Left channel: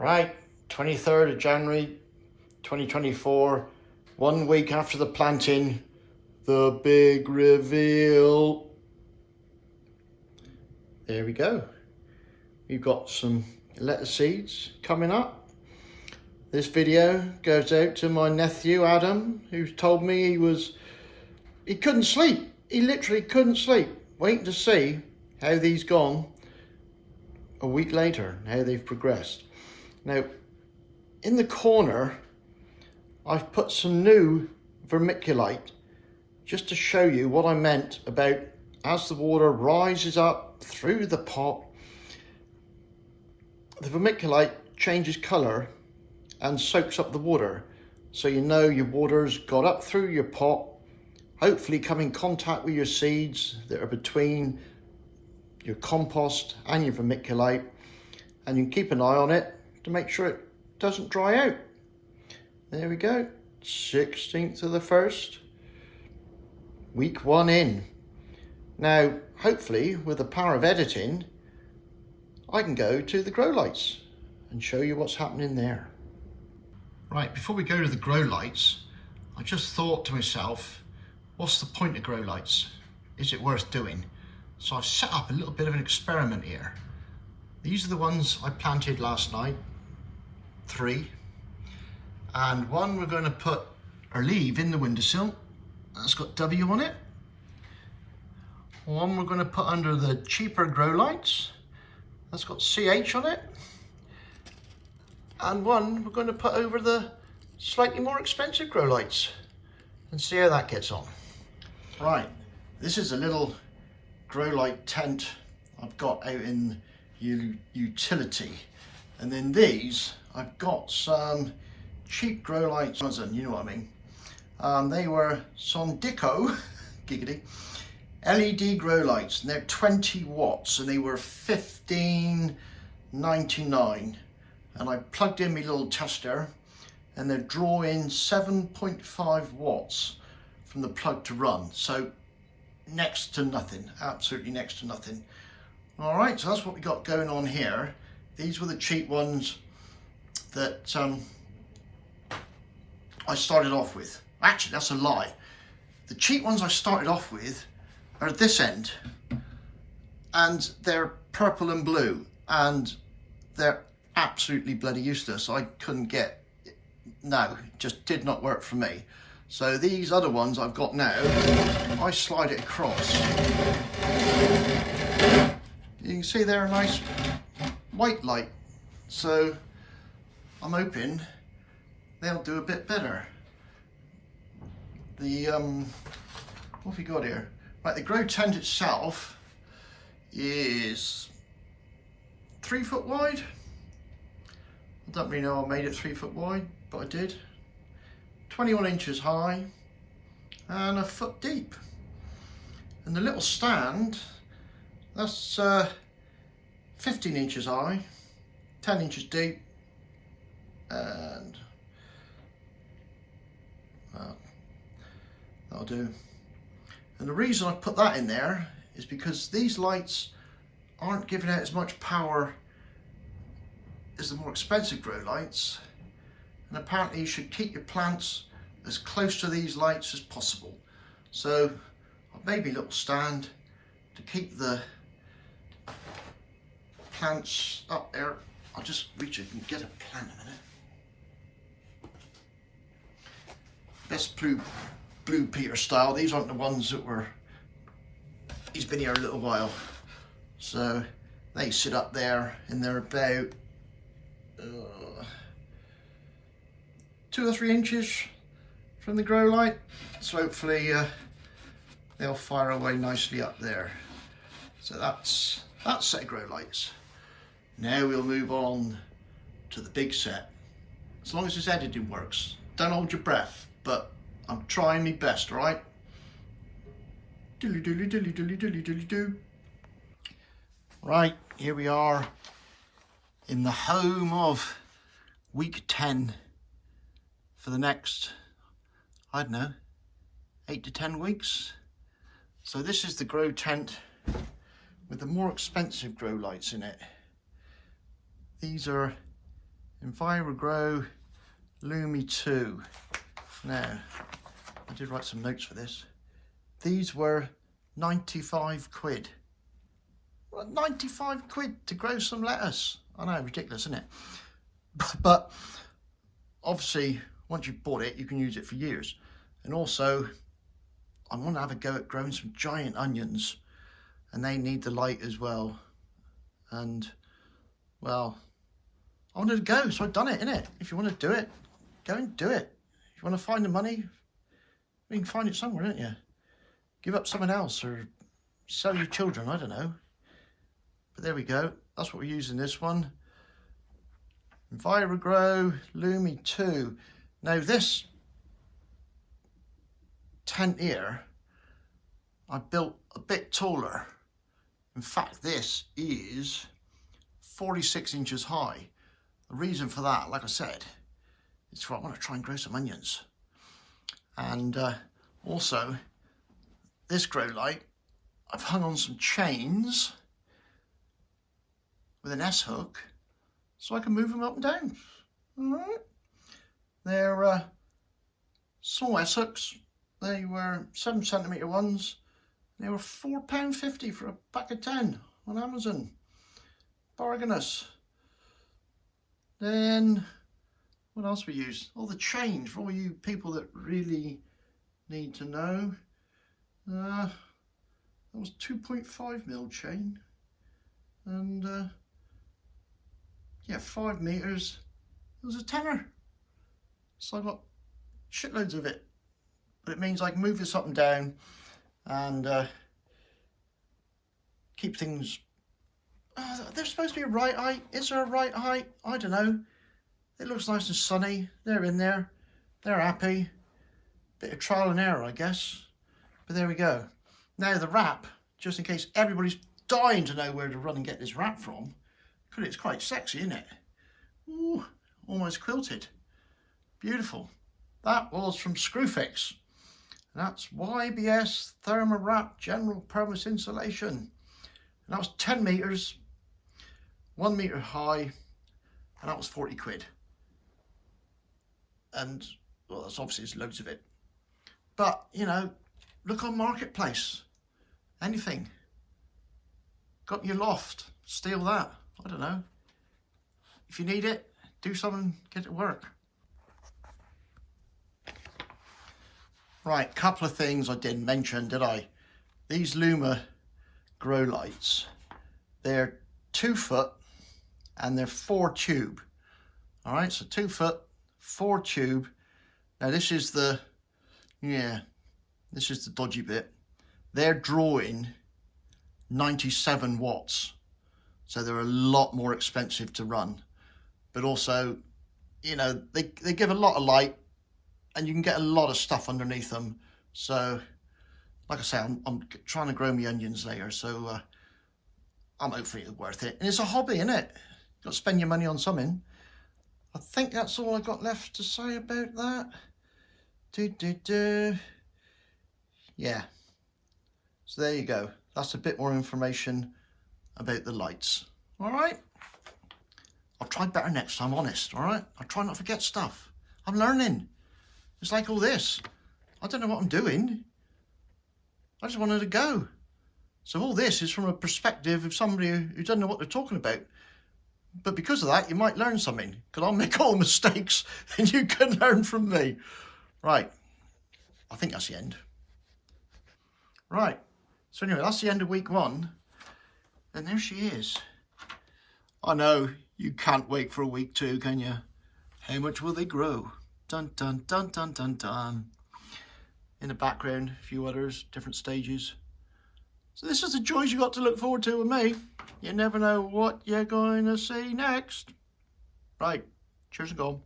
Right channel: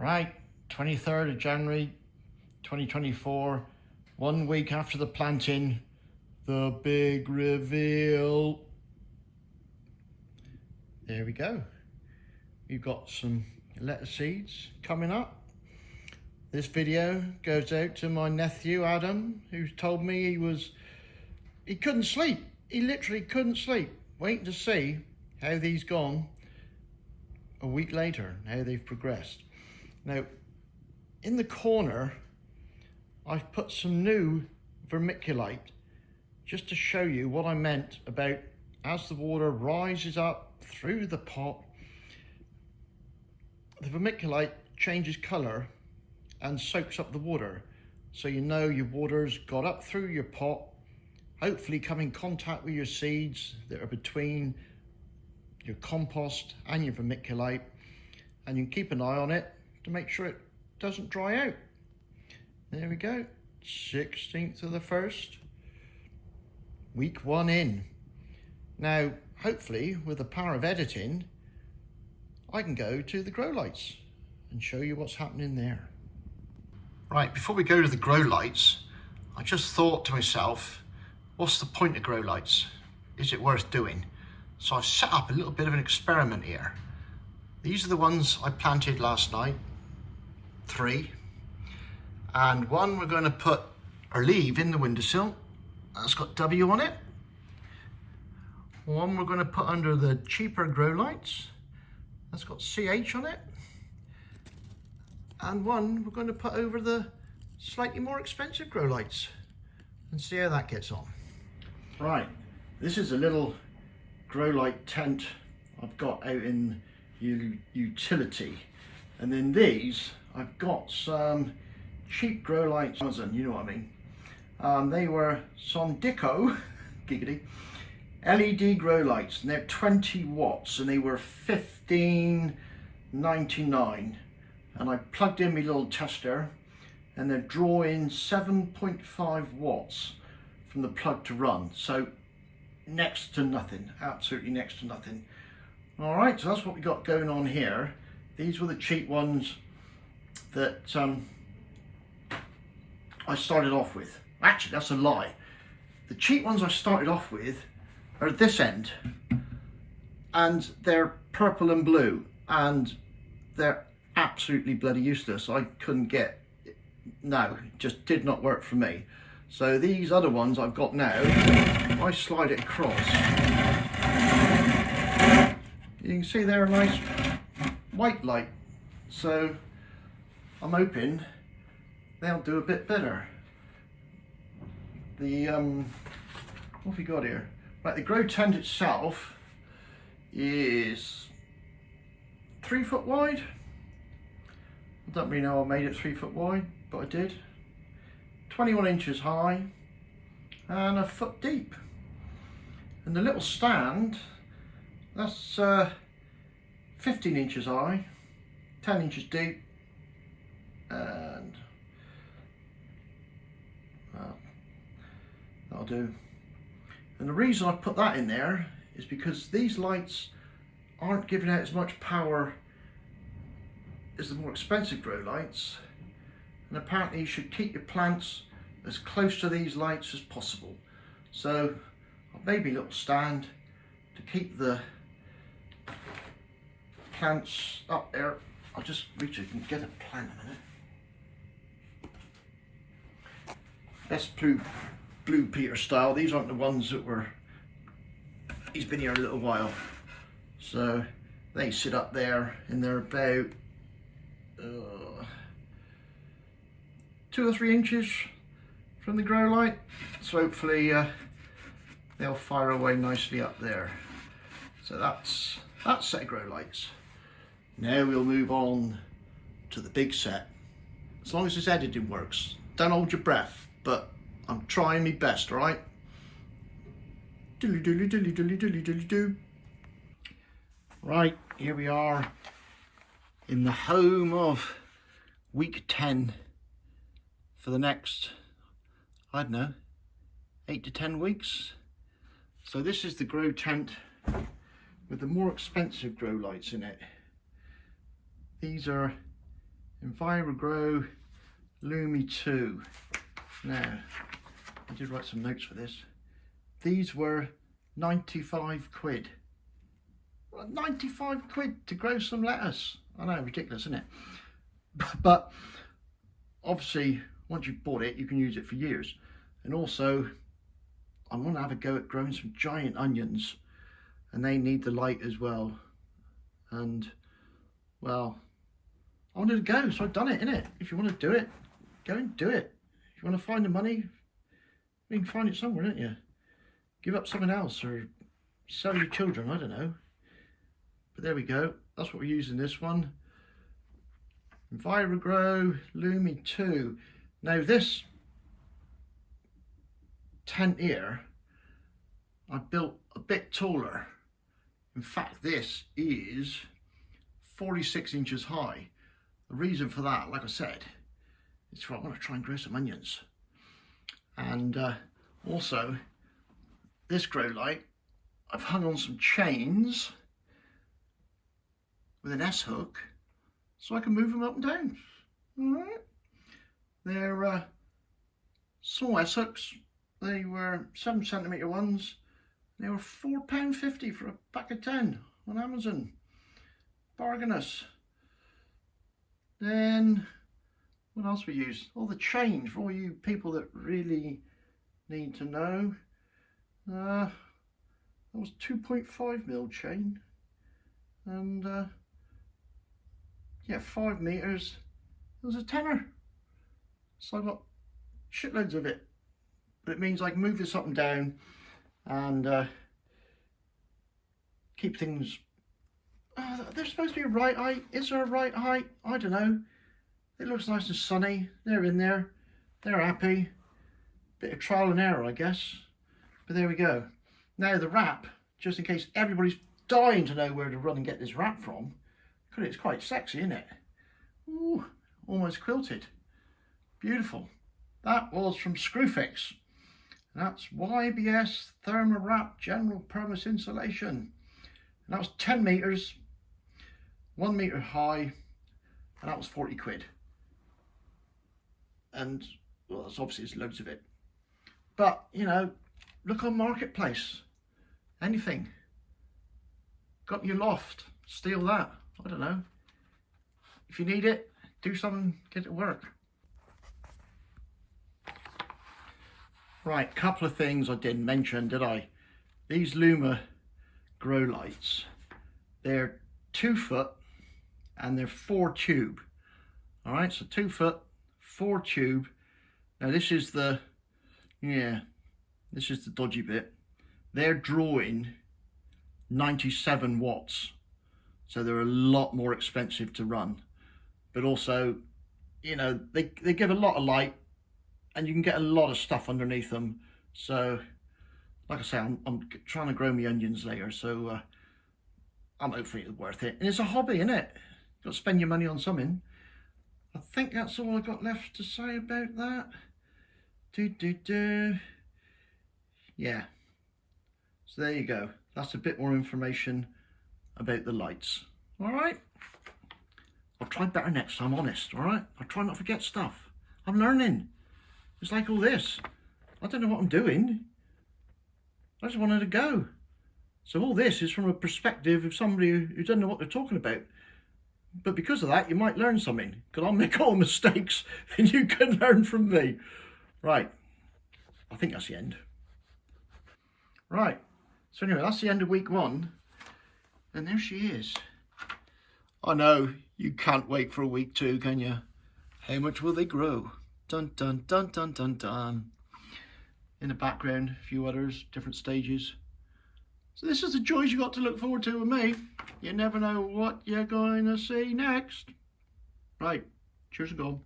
Right, 23rd of January 2024, 1 week after the planting, the big reveal. There we go. We've got some lettuce seeds coming up. This video goes out to my nephew Adam, who told me he couldn't sleep. He literally couldn't sleep, waiting to see how these gone a week later, how they've progressed. Now, in the corner, I've put some new vermiculite just to show you what I meant about as the water rises up through the pot, the vermiculite changes colour and soaks up the water. So you know your water's got up through your pot, hopefully come in contact with your seeds that are between your compost and your vermiculite, and you can keep an eye on it to make sure it doesn't dry out. There we go, 16th of the 1st, week 1 in. Now, hopefully with the power of editing, I can go to the grow lights and show you what's happening there. Right, before we go to the grow lights, I just thought to myself, what's the point of grow lights? Is it worth doing? So I've set up a little bit of an experiment here. These are the ones I planted last night, 3. And one we're going to put or leave in the windowsill. That's got W on it. One we're going to put under the cheaper grow lights. That's got CH on it. And one we're going to put over the slightly more expensive grow lights and see how that gets on. Right, this is a little grow light tent I've got out in utility. And then these, I've got some cheap grow lights, you know what I mean. They were Sondico, giggity, LED grow lights, and they're 20 watts, and they were $15.99. And I plugged in my little tester, and they're drawing 7.5 watts from the plug to run. So next to nothing, absolutely next to nothing. All right, so that's what we got going on here. These were the cheap ones that I started off with. Actually, that's a lie. The cheap ones I started off with are this end, and they're purple and blue, and they're absolutely bloody useless. I couldn't get, no, it just did not work for me. So these other ones I've got now, I slide it across. You can see they're a nice white light. So I'm hoping they'll do a bit better. The, what have we got here? Right, the grow tent itself is 3 foot wide. I don't really know I made it 3 foot wide, but I did. 21 inches high and a foot deep. And the little stand, that's 15 inches high, 10 inches deep, and that'll do. And the reason I put that in there is because these lights aren't giving out as much power as the more expensive grow lights, and apparently you should keep your plants as close to these lights as possible. So I've made me a little stand to keep the plants up there. I'll just reach it and get a plant a minute. Best Blue Peter style. These aren't the ones that were, he's been here a little while. So they sit up there and they're about 2 or 3 inches from the grow light. So hopefully they'll fire away nicely up there. So that's that set of grow lights. Now we'll move on to the big set. As long as this editing works. Don't hold your breath, but I'm trying my best, all right? Dilly dilly dilly dilly dilly dilly do. Right, here we are in the home of week 10 for the next, I don't know, 8 to 10 weeks. So this is the grow tent with the more expensive grow lights in it. These are EnviroGrow Lumi 2. Now, I did write some notes for this. These were 95 quid. 95 quid to grow some lettuce. I know, ridiculous, isn't it? But obviously, once you've bought it, you can use it for years. And also, I want to have a go at growing some giant onions, and they need the light as well. And, well, I wanted to go, so I've done it, innit? If you want to do it, go and do it. If you want to find the money, you can find it somewhere, don't you? Give up something else, or sell your children, I don't know. But there we go. That's what we're using this one. EnviroGrow Lumi 2. Now this tent here, I built a bit taller. In fact, this is 46 inches high. The reason for that, like I said, is I want to try and grow some onions. And also, this grow light, I've hung on some chains with an S-hook so I can move them up and down. All right. They're small S-hooks. They were 7cm ones. They were £4.50 for a pack of 10 on Amazon. Bargainous. Then, what else we used? All the chain for all you people that really need to know. That was 2.5mm chain. And, yeah, 5 meters. It was a tenner. So I got shitloads of it. But it means I can move this up and down and keep things. They're supposed to be right height. Is there a right height? I don't know. It looks nice and sunny. They're in there. They're happy. Bit of trial and error, I guess. But there we go. Now the wrap, just in case everybody's dying to know where to run and get this wrap from, because it's quite sexy, isn't it? Ooh, almost quilted. Beautiful. That was from Screwfix. That's YBS Thermowrap General Purpose Insulation. And that was 10 meters, 1 meter high, and that was 40 quid. And, well, that's obviously there's loads of it. But, you know, look on Marketplace. Anything. Got your loft, steal that. I don't know. If you need it, do something, get it to work. Right, couple of things I didn't mention, did I? These Luma grow lights, they're 2 foot and they're 4 tube. All right, so 2 foot, 4 tube. Now this is the, this is the dodgy bit. They're drawing 97 watts. So they're a lot more expensive to run. But also, you know, they give a lot of light and you can get a lot of stuff underneath them. So, like I say, I'm trying to grow my onions later. So I'm hopefully it's worth it. And it's a hobby, isn't it? You've got to spend your money on something. I think that's all I got left to say about that. Yeah. So there you go. That's a bit more information about the lights. All right. I'll try better next time, honest. All right. I'll try not to forget stuff. I'm learning. It's like all this. I don't know what I'm doing. I just wanted to go. So all this is from a perspective of somebody who doesn't know what they're talking about. But because of that, you might learn something. Because I'll make all the mistakes and you can learn from me. Right. I think that's the end. Right. So anyway, that's the end of week 1. And there she is. I know, you can't wait for a week 2, can you? How much will they grow? Dun, dun, dun, dun, dun, dun. In the background, a few others, different stages. So this is the joys you got to look forward to with me. You never know what you're going to see next. Right, cheers and go.